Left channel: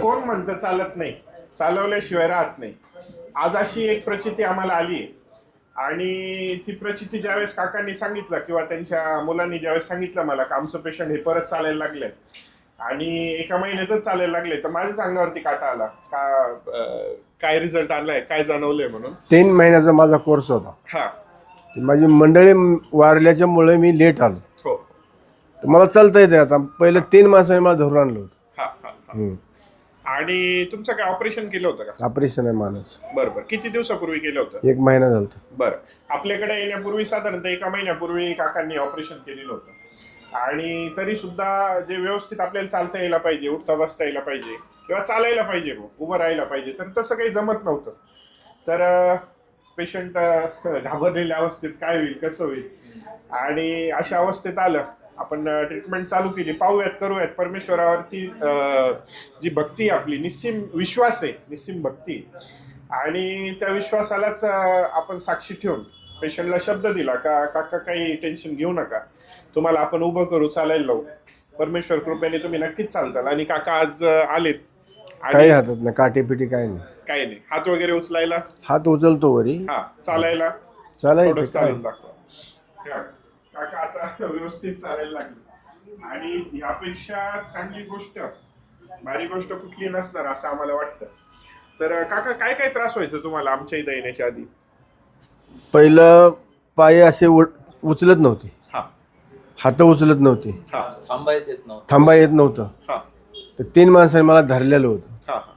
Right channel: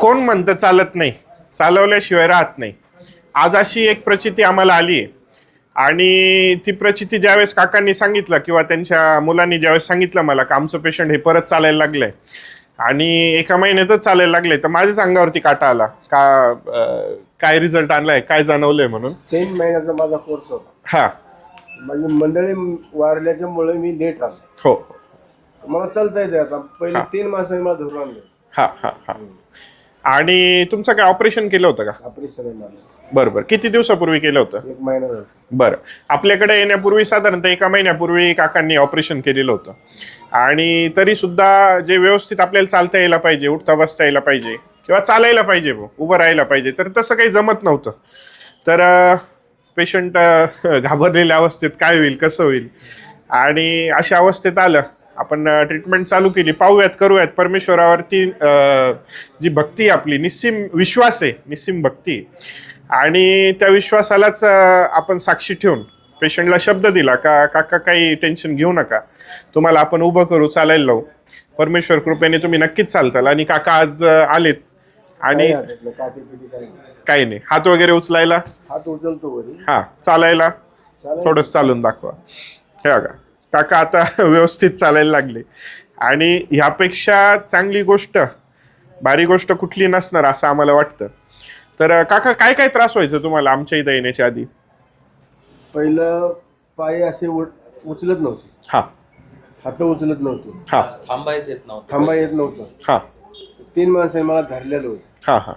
कोण म्हणतं चालत नाही? चालवल्याशिवाय राहत नाही. आज अशी एक प्रचिती आम्हाला आली आहे. आणि ती प्रचिती ज्यावेळेस काकांनी सांगितलं किंवा त्यांच्या मुलांनी ज्यावेळेस सांगितलं मला का आमचं पेशंट हे परत चालायला लागलंय आणि एका महिन्यातच चालायला लागले तर माझ्याच अंगावरती काटा आला. का अं, काय रिझल्ट आणलाय काय जाणवलंय म्हणून? तीन महिन्याचा माझा कोर्स होता. हा. माझी मंडळी वारल्याच्यामुळे मी लेट आलो. हो. तर मला चालता येते आता. पहिले तीन मासाने मला धरून आणलं होतं. हा हा हा. आणि तुमचं काय ऑपरेशन केलं होतं का? ऑपरेशन आहे माणूस बरं बरं. किती दिवसापूर्वी केलं होतं? एक महिना झाला होता. बरं. आपल्याकडे येण्यापूर्वी साधारणतः एका महिन्यापूर्वी काकांनी ऑपरेशन केलेलं होतं. आणि तरी सुद्धा जे व्यवस्थित आपल्याला चालता यायला पाहिजे उठता बसता यायला पाहिजे किंवा चालायला पाहिजे बुवा, उभं राहायला पाहिजे तर तसं काही जमत नव्हतं. तर पेशंट घाबरलेल्या अवस्थेत काय होईल कसं होईल? आणि अशा अवस्थेत आलं आपण ट्रीटमेंट चालू केली. पाहूयात करूयात. परमेश्वरावरती जी भक्ती आपली निस्सीम विश्वास आहे निस्सीम भक्ती. आणि त्या विश्वासालाच आपण साक्षी ठेवून पेशंटला शब्द दिला का काका काही टेन्शन घेऊ नका. तुम्हाला आपण उभं करू चालायला लावू. परमेश्वर कृपेने तुम्ही नक्कीच चालताल. आणि काका आज आलेत. आणि हातात ना काटे पिटी काही नाही. काही नाही. हात वगैरे उचलायला? हात उचलतो वरी. हा चालायला? चालायचं. थोडं चालून दाखवा. हे बघा. काका आता व्यवस्थित चालायला लागले. आणि ह्यापेक्षा चांगली गोष्ट भारी गोष्ट कुठली नसणार असं आम्हाला वाटतं. तर काका काय काय त्रास व्हायचा तुम्हाला आमच्या इथं येण्याच्या आधी? पहिलं पाय असे उचलत नव्हते. हा. हात उचलत नव्हते. हा. थांबायच येत नव्हतं. थांबा येत नव्हतं. हा. तर तीन माणसाने मला धरलेलं होतं. हा हा.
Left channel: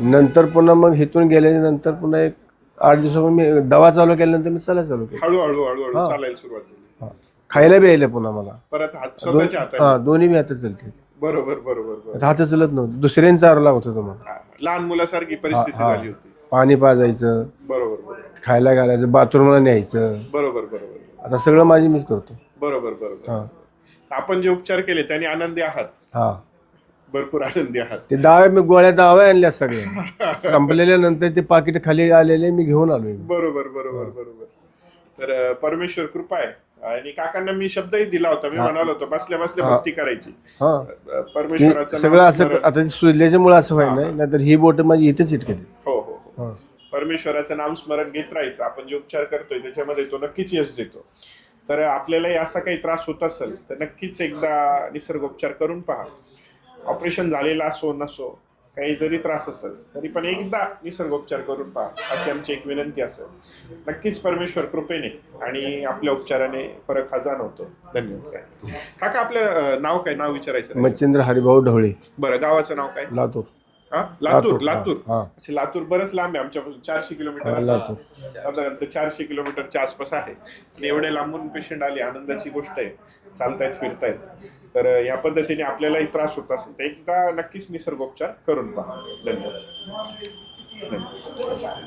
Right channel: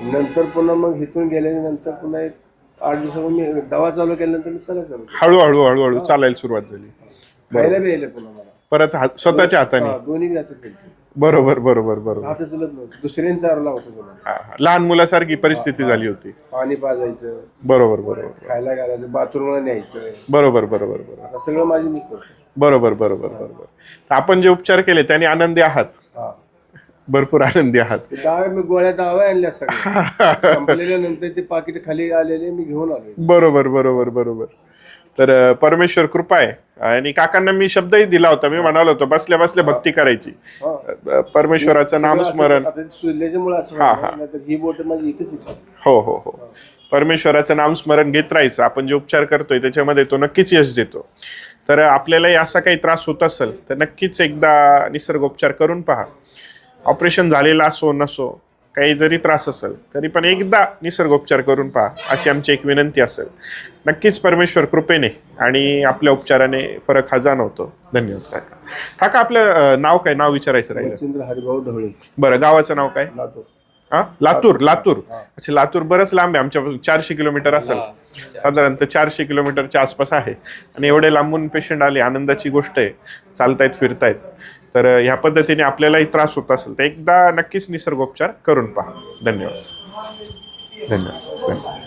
नंतर पुन्हा मग इथून गेल्यानंतर पुन्हा एक आठ दिवसापूर्वी मी दवा चालू केल्यानंतर मी चालायला चालू केलं. हळूहळू हळूहळू चालायला सुरुवात झाली. खायला बी यायला पुन्हा मला. परत हात स्वतःच्या हा हाताने दोन्ही मी हातात चालते. बरोबर बरोबर बरोबर. हात चलत नव्हतं. दुसऱ्यांचा लागत होतं हा, हा. लहान मुलासारखी परिस्थिती झाली होती. पाणी पाजायचं. बरोबर बरोबर. खायला घालायचं. बाथरूमला न्यायचं. बरोबर बरोबर बरोबर. आता सगळं माझी मीच करतो बरोबर बरोबर बरोबर. तर आपण जे उपचार केले त्याने आनंदी आहात. हा. भरपूर आनंदी आहात. ते मी गोळ्या डाव्या आणल्या सगळ्या. संपलेल्या नंतर ते पाकिट खाली आलेले मी घेऊन आलोय बरोबर बरोबर बरोबर. तर अं, परमेश्वर कृपा आहे. आणि काकांना मी शब्दही दिला होता. मी म्हणालो होतो बसल्या बसल्या भक्ती करायची. हा. अं, परमेश्वराचं सगळं नाम असं आता सुजल्याच्यामुळे असं व्हायला नाहीतर ही बोट माझी इथेच इटके हो हो हो. परमेश्वराचं नाम स्मरण घेत राहायचं. आपण जे उपचार करतोय त्याच्यामध्ये तो नक्कीच यश देतो. तर आपल्यालाही असा काही त्रास होत असेल तर नक्कीच एकदा निसर्गोपचार करून पहा. ऑपरेशन झालेलं असो नसो काही जरी त्रास असेल तरी पण एकदा निसर्गोपचार करून पहा अशी आमची एक विनंती असेल. नक्कीच परमेश्वर कृपेने आणि आपल्या उपचाराने फरक हा जाणवतो. धन्यवाद काका. काका आपलं नाव काय? नाव विचारायचं राहिलं. मच्छिंद्र हरिभाऊ ढवळे. बरं गावाचं नाव काय? लातूर. हा? लातूर लातूर हा. अच्छा लातूर बरंच लांब आहे. आमच्यापासून चारशे किलोमीटर असेल. साधारणतः चारशे किलोमीटरच्या आसपास आहे. आणि एवढे लांबून पेशंट आले आनंदाची गोष्ट आहे. चालतायत फिरतायत. तर ह्या पद्धतीने आपल्यालाही त्रास होत असेल तर एकदा नक्कीच निसर्गोपचार करून पहा. धन्यवाद. धन्यवाद. धन्यवाद.